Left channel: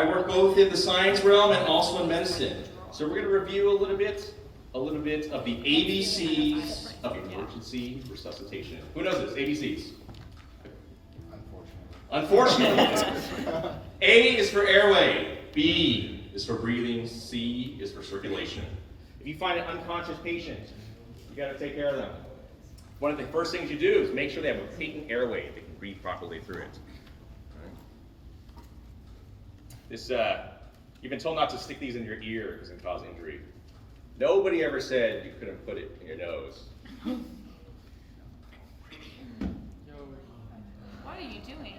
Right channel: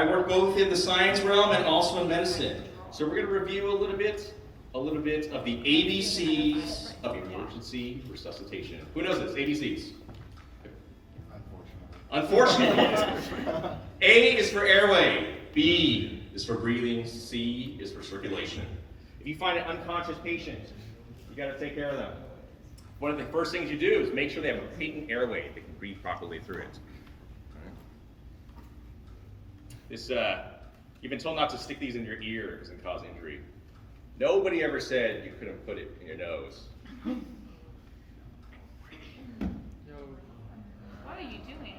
I work both in the science realm and also in medicine. So we're going to review a little bit of the ABCs of emergency resuscitation. Who knows this? ABCs. Unfortunately. A is for airway. B is for breathing. C is for circulation. If you find an unconscious patient, you got to take care of them. One of the first things you do is make sure they have a patent airway. They can breathe properly through it. This, you've been told not to stick these in your ear because it can cause injury. Nobody ever said you couldn't put it in your nose. What are you doing?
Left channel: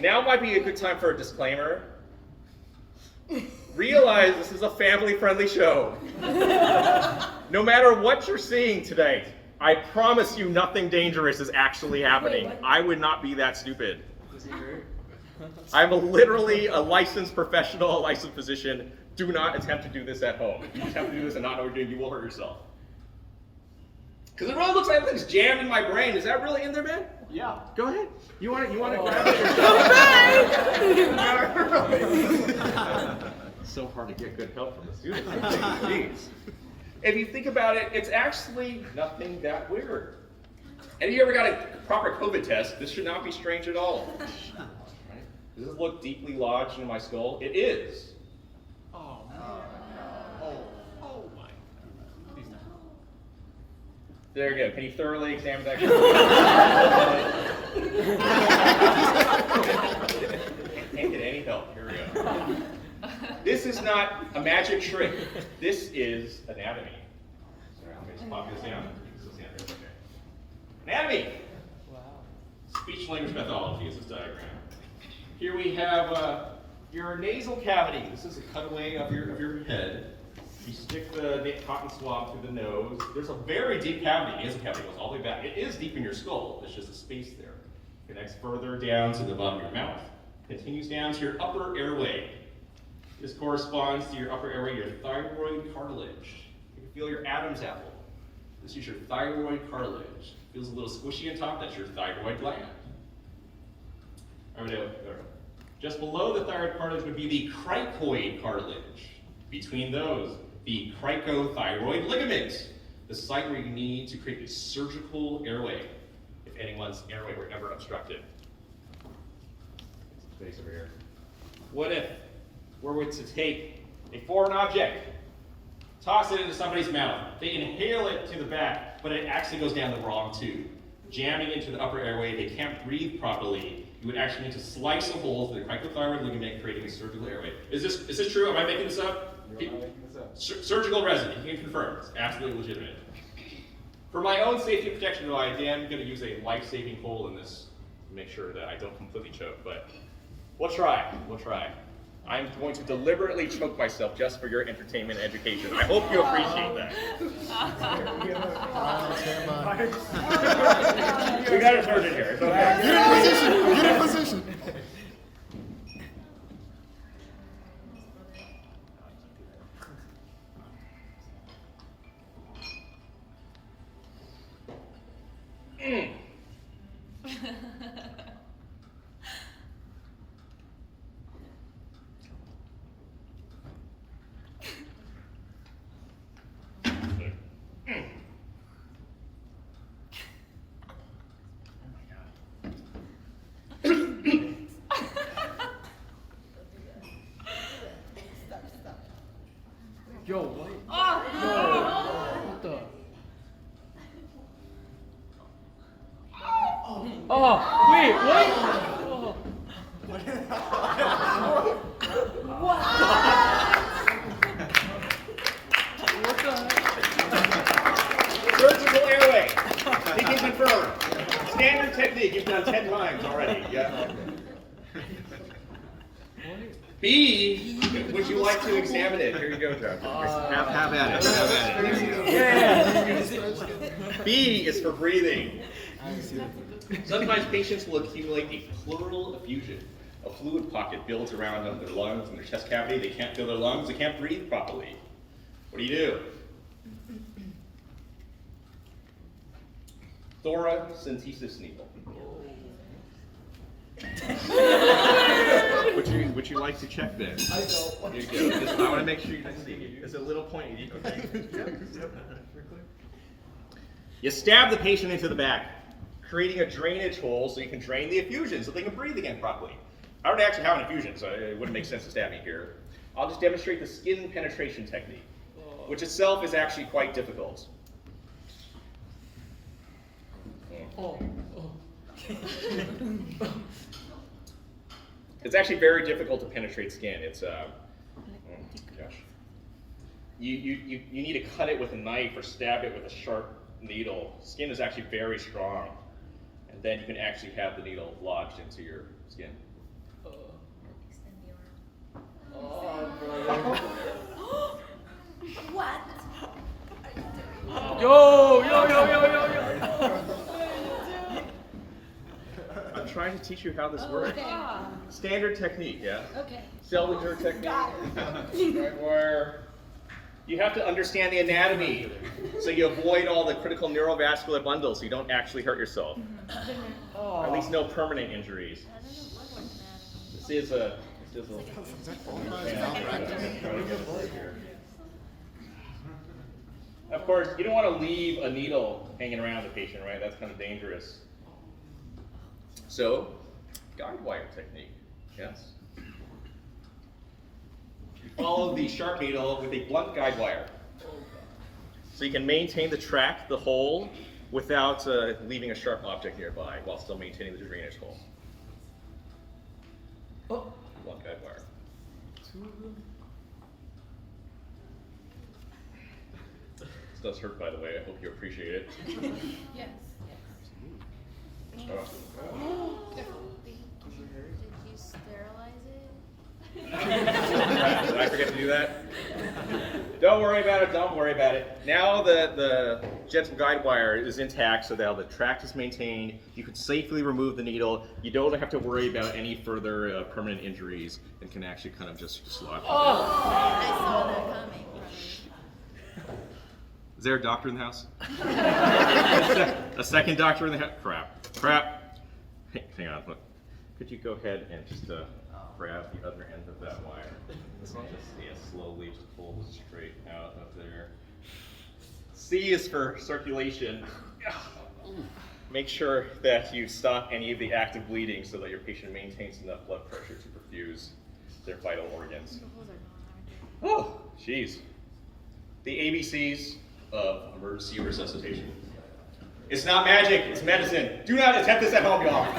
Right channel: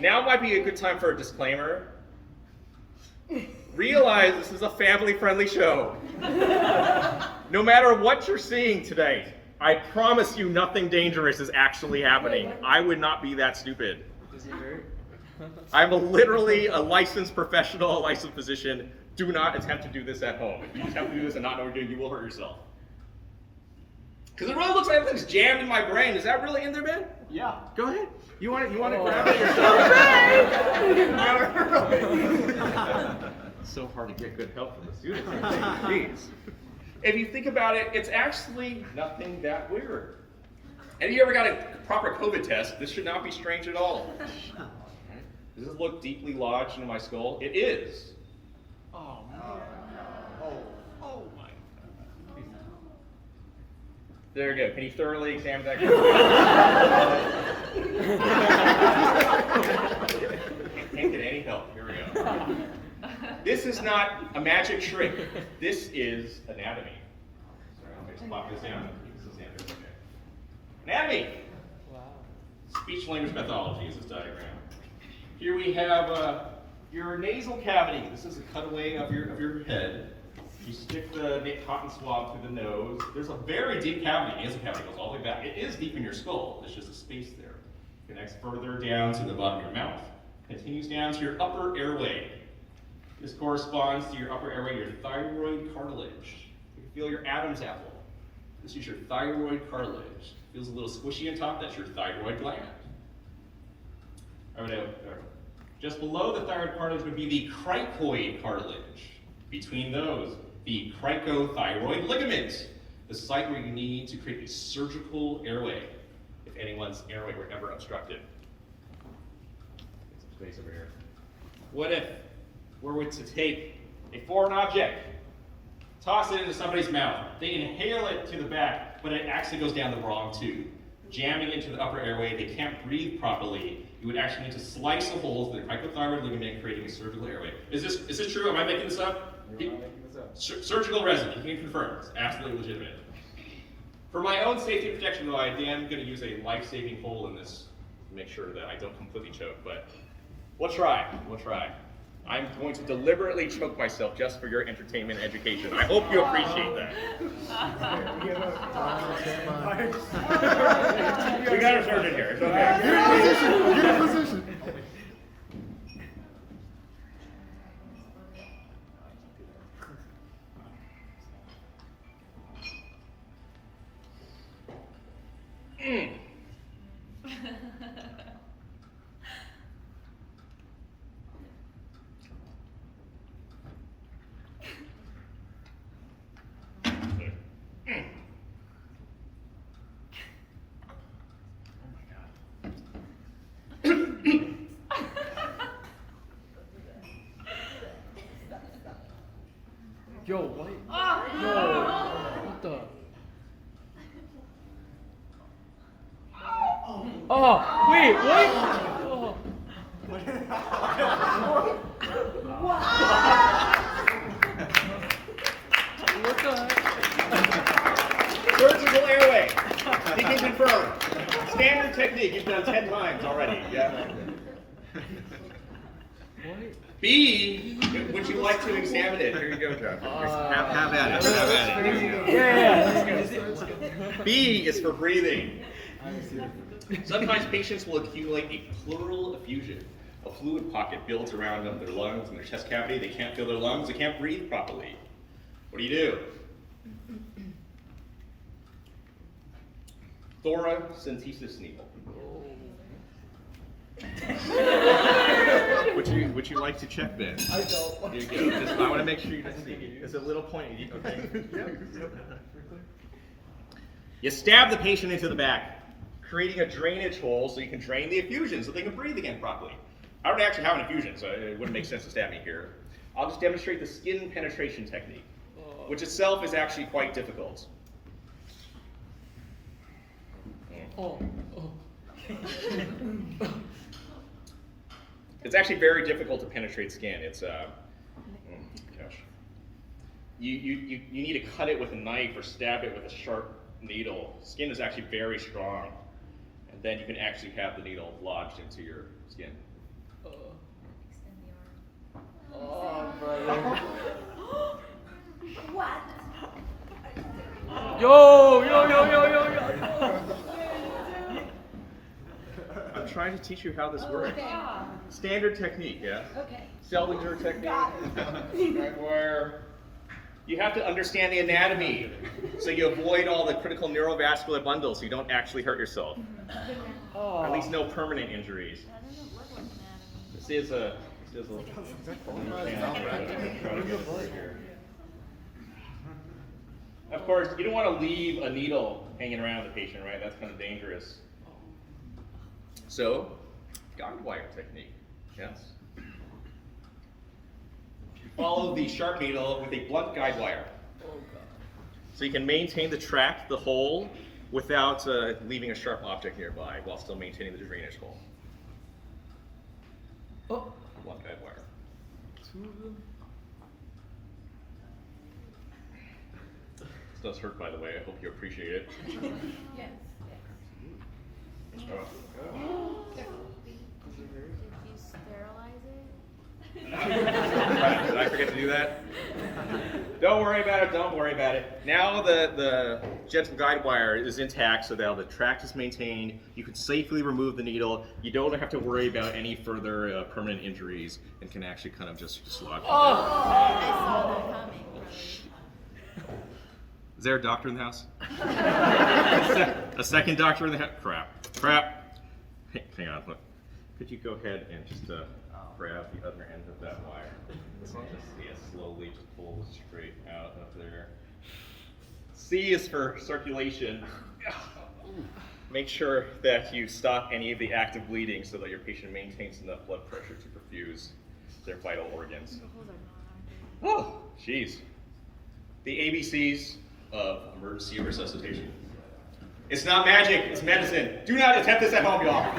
Now might be a good time for a disclaimer. Realize this is a family-friendly show. No matter what you're seeing today, I promise you nothing dangerous is actually happening. I would not be that stupid. I'm literally a licensed professional, a licensed physician. Do not attempt to do this at home. If you attempt to do this and not know what you're doing, you will hurt yourself. Because it really looks like everything's jammed in my brain. Is that really in there, man? Yeah. Go ahead. You want to grab it yourself? So hard to get good help from the students. Jeez. If you think about it, it's actually nothing that weird. And if you ever got a proper COVID test, this should not be strange at all. Right? Does this look deeply lodged in my skull? It is. Oh, my. There you go. Can you thoroughly examine that? Can't get any help. Here we go. This is not a magic trick. This is anatomy. Sorry, I'm going to pop this down. Anatomy. Wow. Speech language pathology is this diagram. Here we have your nasal cavity. This is a cutaway of your head. You stick the cotton swab through the nose. There's a very deep cavity. The nasal cavity goes all the way back. It is deep in your skull. There's just a space there. Connects further down to the bottom of your mouth. Continues down to your upper airway. This corresponds to your upper airway, your thyroid cartilage. You can feel your Adam's apple. This is your thyroid cartilage. Feels a little squishy on top. That's your thyroid gland. Just below the thyroid cartilage would be the cricoid cartilage. Between those, the cricothyroid ligament, the site where you need to create a surgical airway if anyone's airway were ever obstructed. Space over here. What if we were to take a foreign object, toss it into somebody's mouth, they inhale it to the back, but it actually goes down the wrong tube, jamming into the upper airway, they can't breathe properly. You would actually need to slice a hole through the cricothyroid ligament, creating a surgical airway. Is this true? Am I making this up? You're not making this up. Surgical resident, you can confirm. It's absolutely legitimate. For my own safety and protection, though, I am going to use a life-saving hole in this to make sure that I don't completely choke. But we'll try. I'm going to deliberately choke myself just for your entertainment and education. I hope you appreciate that. We got a surgeon here. It's okay. Get in position. Yo, what? What the? Oh, wait, what? Surgical airway. He can confirm. Standard technique. You've done 10 times already. Yeah. B, would you like to examine it? Here you go, Joe. Have at it. Yeah. B is for breathing. Sometimes patients will accumulate a pleural effusion. A fluid pocket builds around them, their lungs and their chest cavity. They can't feel their lungs. They can't breathe properly. What do you do? Thoracentesis needle. Would would you like to check this? I don't. You go. Just, I want to make sure you can see. It's a little pointy. You stab the patient into the back, creating a drainage hole so you can drain the effusion so they can breathe again properly. I don't actually have an infusion, so it wouldn't make sense to stab me here. I'll just demonstrate the skin penetration technique, which itself is actually quite difficult. Oh. It's actually very difficult to penetrate skin. It's gosh. You need to cut it with a knife or stab it with a sharp needle. Skin is actually very strong, and then you can actually have the needle lodged into your skin. Oh, brother. What? Yo. I'm trying to teach you how this works. Standard technique, yeah? Okay. Seldinger technique. Where you have to understand the anatomy so you avoid all the critical neurovascular bundles so you don't actually hurt yourself. Oh. At least no permanent injuries. That doesn't look like anatomy. This is a Of course, you don't want to leave a needle hanging around the patient, right? That's kind of dangerous. So, guide wire technique, yes? You follow the sharp needle with a blunt guide wire. So you can maintain the track, the hole, without leaving a sharp object nearby while still maintaining the drainage hole. Oh. Blunt guide wire. This does hurt, by the way. I hope you appreciate it. Yes. Oh. Did you sterilize it? Did I forget to do that? Don't worry about it, don't worry about it. Now the gentle guide wire is intact so that the tract is maintained. You can safely remove the needle. You don't have to worry about any further permanent injuries and can actually kind of just slot. I saw that coming. Is there a doctor in the house? A second doctor in the house? Crap. Hang on, look. Could you go ahead and just grab the other end of that wire? Just see it slowly, just pull it straight out of there. C is for circulation. Make sure that you stop any of the active bleeding so that your patient maintains enough blood pressure to perfuse their vital organs. Oh, jeez. The ABCs of emergency resuscitation. It's not magic, it's medicine. Do not attempt this at home, y'all.